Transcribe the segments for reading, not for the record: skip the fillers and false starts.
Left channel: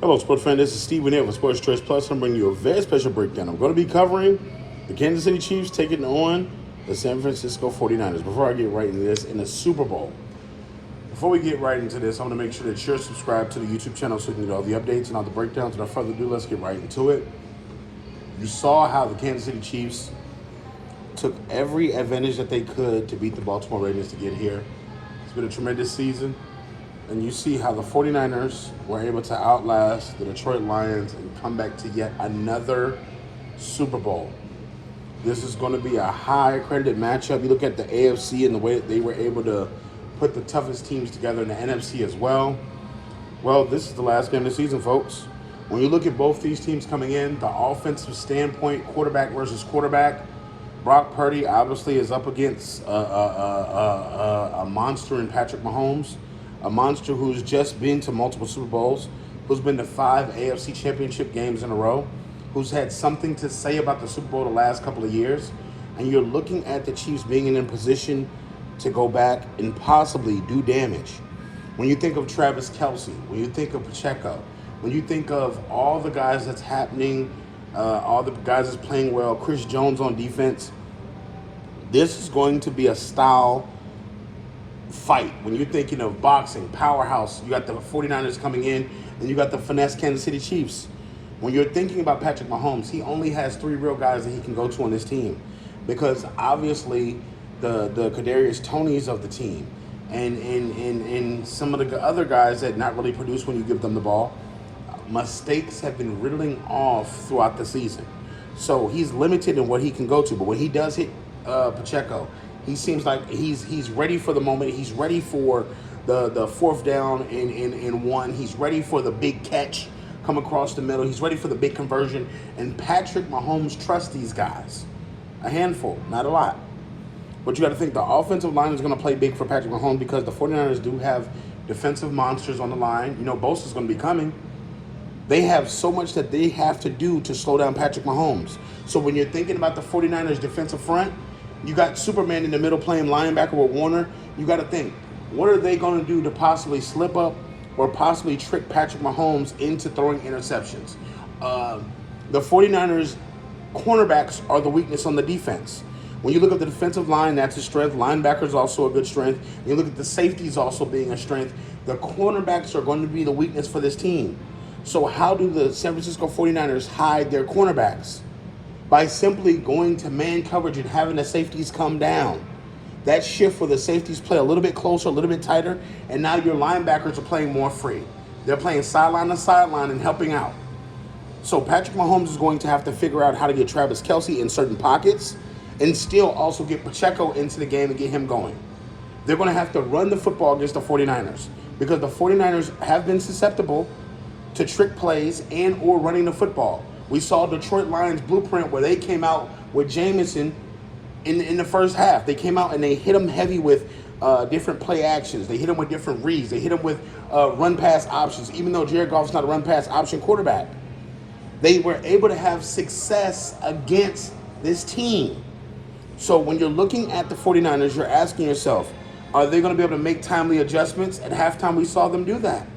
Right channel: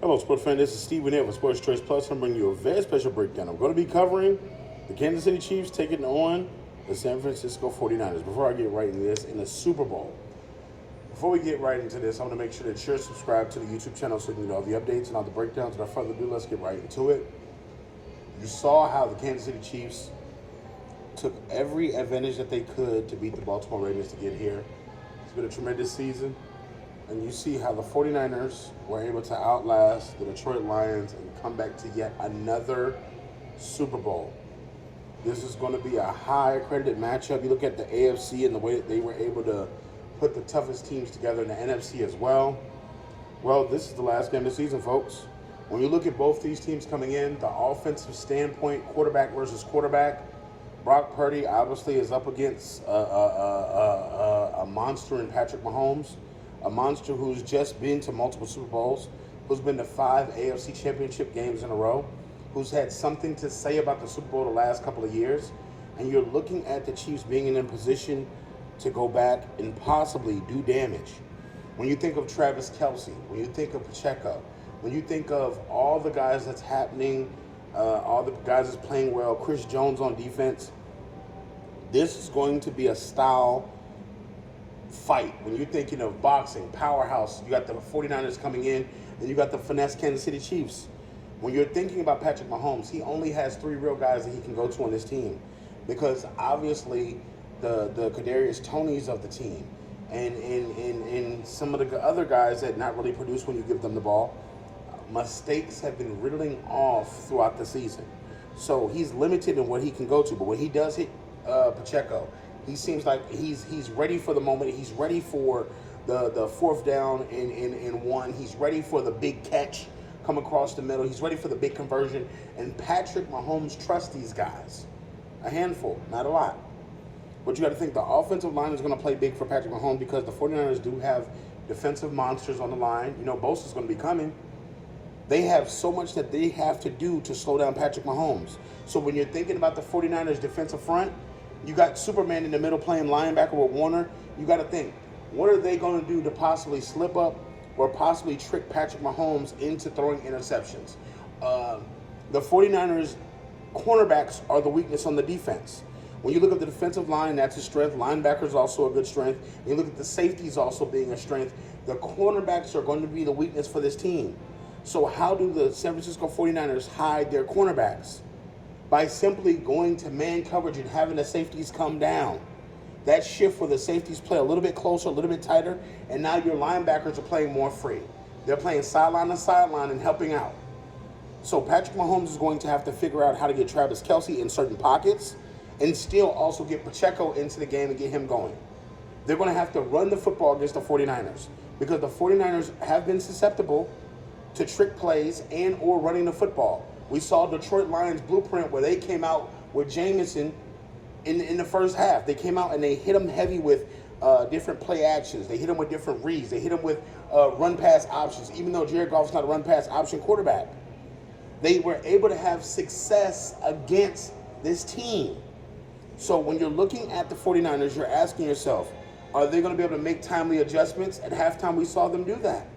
Hello, sports fan. This is Steven here for Sports Choice Plus. I'm bringing you a very special breakdown. I'm going to be covering the Kansas City Chiefs taking on the San Francisco 49ers. Before I get right into this, in the Super Bowl. Before we get right into this, I want to make sure that you're subscribed to the YouTube channel so you can get all the updates and all the breakdowns. Without further ado, let's get right into it. You saw how the Kansas City Chiefs took every advantage that they could to beat the Baltimore Ravens to get here. It's been a tremendous season. And you see how the 49ers were able to outlast the Detroit Lions and come back to yet another Super Bowl. This is going to be a high-accredited matchup. You look at the AFC and the way that they were able to put the toughest teams together in the NFC as well. Well, this is the last game of the season, folks. When you look at both these teams coming in, the offensive standpoint, quarterback versus quarterback, Brock Purdy obviously is up against a monster in Patrick Mahomes. A monster who's just been to multiple Super Bowls, who's been to 5 AFC Championship games in a row, who's had something to say about the Super Bowl the last couple of years. And you're looking at the Chiefs being in a position to go back and possibly do damage. When you think of Travis Kelce, when you think of Pacheco, when you think of all the guys that's happening, all the guys that's playing well, Chris Jones on defense, this is going to be a style fight. When you're thinking of boxing, powerhouse, you got the 49ers coming in, and you got the finesse Kansas City Chiefs. When you're thinking about Patrick Mahomes, he only has 3 real guys that he can go to on this team, because obviously the Kadarius Tonys of the team and some of the other guys that not really produce when you give them the ball, mistakes have been riddling off throughout the season. So he's limited in what he can go to, but when he does hit Pacheco, he seems like he's ready for the moment. He's ready for the fourth down in one. He's ready for the big catch come across the middle. He's ready for the big conversion. And Patrick Mahomes trusts these guys. A handful, not a lot. But you got to think the offensive line is going to play big for Patrick Mahomes because the 49ers do have defensive monsters on the line. You know, Bosa's going to be coming. They have so much that they have to do to slow down Patrick Mahomes. So when you're thinking about the 49ers defensive front, you got Superman in the middle playing linebacker with Warner. You got to think, what are they going to do to possibly slip up or possibly trick Patrick Mahomes into throwing interceptions? The 49ers cornerbacks are the weakness on the defense. When you look at the defensive line, that's a strength. Linebackers also a good strength. You look at the safeties also being a strength. The cornerbacks are going to be the weakness for this team. So how do the San Francisco 49ers hide their cornerbacks? By simply going to man coverage and having the safeties come down. That shift where the safeties play a little bit closer, a little bit tighter, and now your linebackers are playing more free. They're playing sideline to sideline and helping out. So Patrick Mahomes is going to have to figure out how to get Travis Kelce in certain pockets and still also get Pacheco into the game and get him going. They're going to have to run the football against the 49ers because the 49ers have been susceptible to trick plays and or running the football. We saw Detroit Lions blueprint where they came out with Jameson in the first half. They came out and they hit him heavy with different play actions. They hit him with different reads. They hit him with run-pass options, even though Jared Goff's not a run-pass option quarterback. They were able to have success against this team. So when you're looking at the 49ers, you're asking yourself, are they going to be able to make timely adjustments? At halftime, we saw them do that.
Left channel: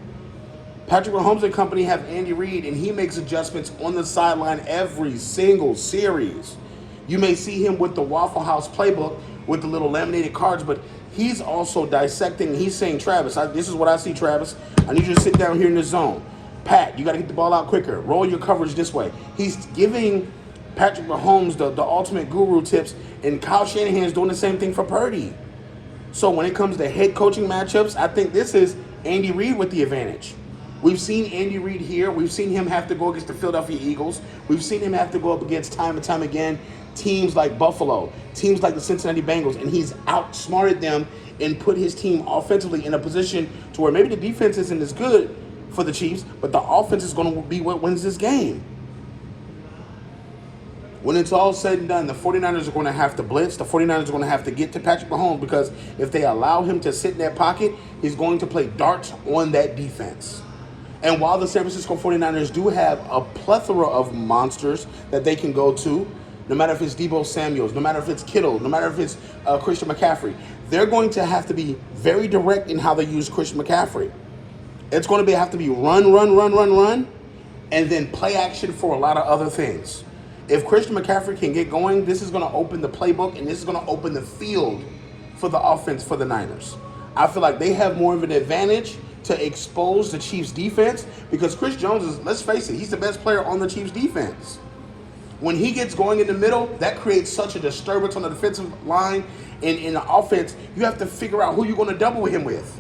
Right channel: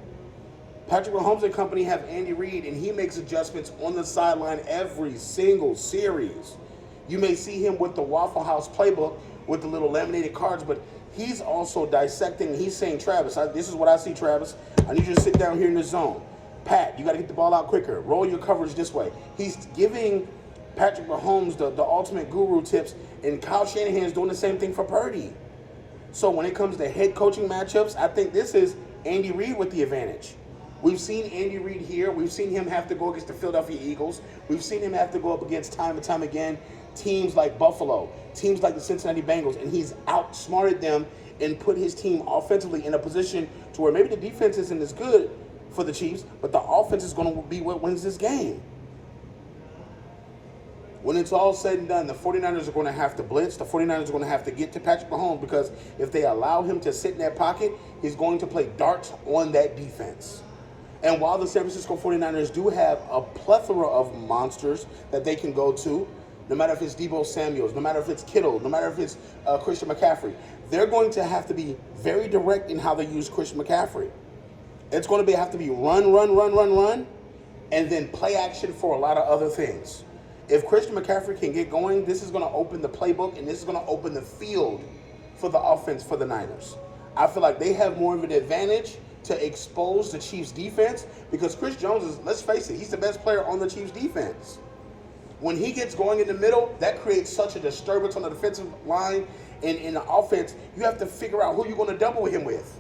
Patrick Mahomes and company have Andy Reid, and he makes adjustments on the sideline every single series. You may see him with the Waffle House playbook with the little laminated cards, but he's also dissecting. He's saying, Travis, this is what I see, Travis. I need you to sit down here in the zone. Pat, you got to get the ball out quicker. Roll your coverage this way. He's giving Patrick Mahomes the ultimate guru tips, and Kyle Shanahan's doing the same thing for Purdy. So when it comes to head coaching matchups, I think this is Andy Reid with the advantage. We've seen Andy Reid here. We've seen him have to go against the Philadelphia Eagles. We've seen him have to go up against time and time again teams like Buffalo, teams like the Cincinnati Bengals, and he's outsmarted them and put his team offensively in a position to where maybe the defense isn't as good for the Chiefs, but the offense is going to be what wins this game. When it's all said and done, the 49ers are going to have to blitz. The 49ers are going to have to get to Patrick Mahomes because if they allow him to sit in that pocket, he's going to play darts on that defense. And while the San Francisco 49ers do have a plethora of monsters that they can go to, no matter if it's Deebo Samuels, no matter if it's Kittle, no matter if it's Christian McCaffrey, they're going to have to be very direct in how they use Christian McCaffrey. It's going to have to be run, and then play action for a lot of other things. If Christian McCaffrey can get going, this is going to open the playbook, and this is going to open the field for the offense for the Niners. I feel like they have more of an advantage to expose the Chiefs' defense because Chris Jones is, let's face it, he's the best player on the Chiefs' defense. When he gets going in the middle, that creates such a disturbance on the defensive line and in the offense. You have to figure out who you're going to double him with.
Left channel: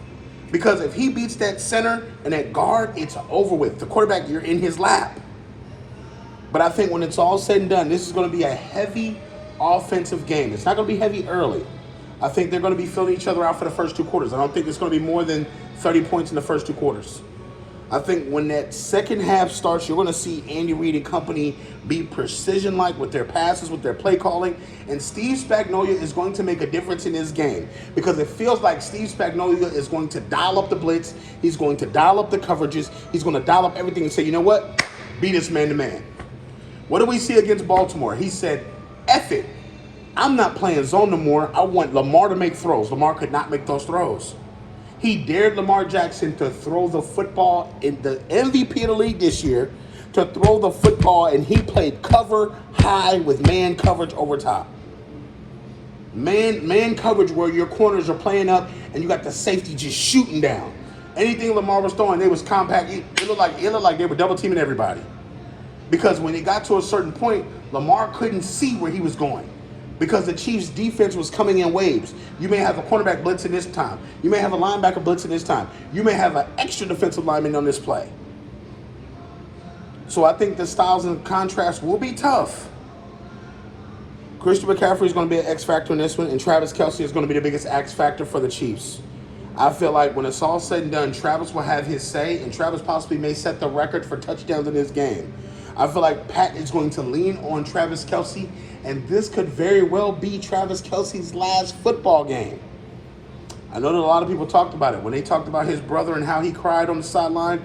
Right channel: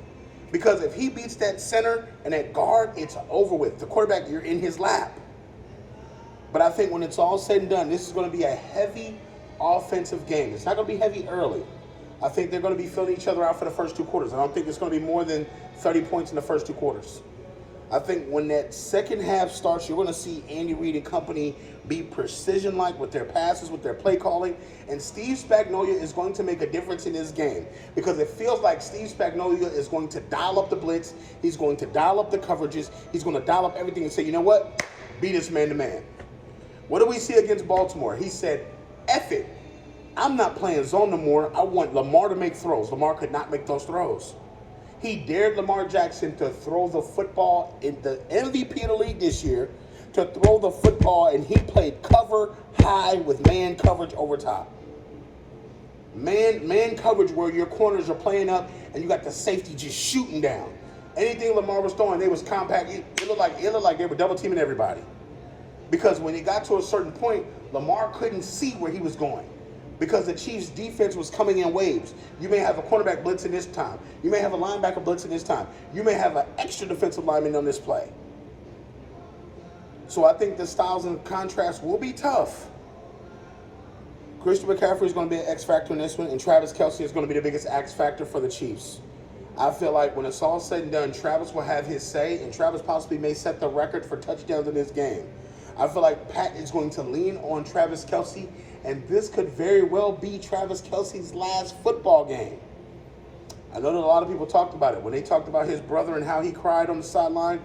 Because if he beats that center and that guard, it's over with. The quarterback, you're in his lap. But I think when it's all said and done, this is going to be a heavy offensive game. It's not going to be heavy early. I think they're going to be filling each other out for the first 2 quarters. I don't think it's going to be more than 30 points in the first 2 quarters. I think when that second half starts, you're going to see Andy Reid and company be precision-like with their passes, with their play calling. And Steve Spagnuolo is going to make a difference in this game because it feels like Steve Spagnuolo is going to dial up the blitz. He's going to dial up the coverages. He's going to dial up everything and say, you know what? Beat us man-to-man. What do we see against Baltimore? He said, F it. I'm not playing zone no more. I want Lamar to make throws. Lamar could not make those throws. He dared Lamar Jackson to throw the football in the MVP of the league this year, to throw the football, and he played cover high with man coverage over top. Man coverage where your corners are playing up and you got the safety just shooting down. Anything Lamar was throwing, they was compact. It looked like they were double teaming everybody. Because when it got to a certain point, Lamar couldn't see where he was going. Because the Chiefs' defense was coming in waves. You may have a cornerback blitzing this time. You may have a linebacker blitzing this time. You may have an extra defensive lineman on this play. So I think the styles and contrasts will be tough. Christian McCaffrey is going to be an X factor in this one, and Travis Kelce is going to be the biggest X factor for the Chiefs. I feel like when it's all said and done, Travis will have his say, and Travis possibly may set the record for touchdowns in this game. I feel like Pat is going to lean on Travis Kelce, and this could very well be Travis Kelce's last football game. I know that a lot of people talked about it. When they talked about his brother and how he cried on the sideline,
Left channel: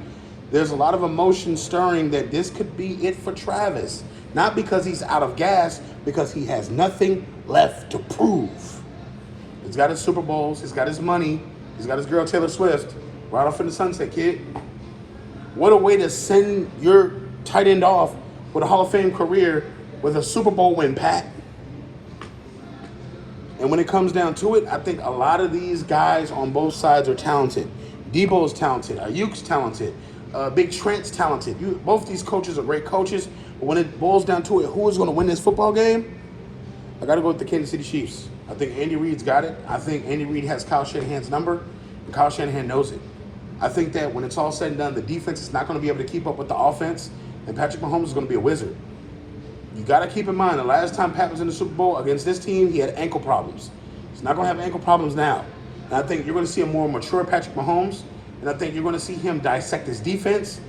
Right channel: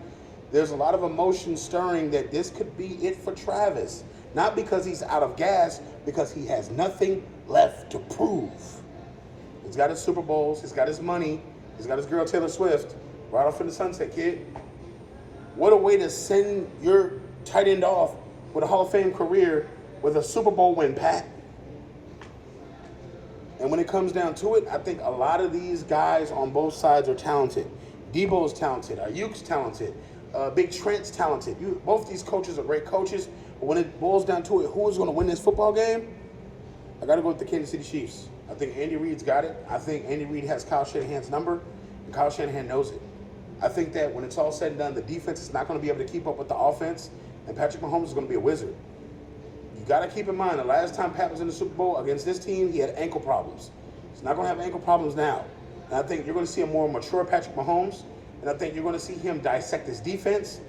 there's a lot of emotion stirring that this could be it for Travis. Not because he's out of gas, because he has nothing left to prove. He's got his Super Bowls, he's got his money, he's got his girl Taylor Swift. Right off in the sunset, kid. What a way to send your tight end off with a Hall of Fame career with a Super Bowl win, Pat. And when it comes down to it, I think a lot of these guys on both sides are talented. Debo's talented. Ayuk's talented. Big Trent's talented. Both these coaches are great coaches. But when it boils down to it, who is going to win this football game? I got to go with the Kansas City Chiefs. I think Andy Reid's got it. I think Andy Reid has Kyle Shanahan's number, and Kyle Shanahan knows it. I think that when it's all said and done, the defense is not going to be able to keep up with the offense, and Patrick Mahomes is going to be a wizard. You got to keep in mind, the last time Pat was in the Super Bowl against this team, he had ankle problems. He's not going to have ankle problems now. And I think you're going to see a more mature Patrick Mahomes, and I think you're going to see him dissect his defense,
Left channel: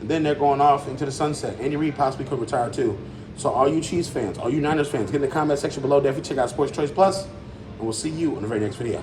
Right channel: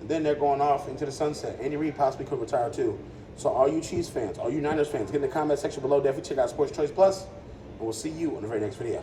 and then they're going off into the sunset. Andy Reid possibly could retire too. So all you Chiefs fans, all you Niners fans, get in the comment section below. Definitely check out Sports Choice Plus, and we'll see you in the very next video.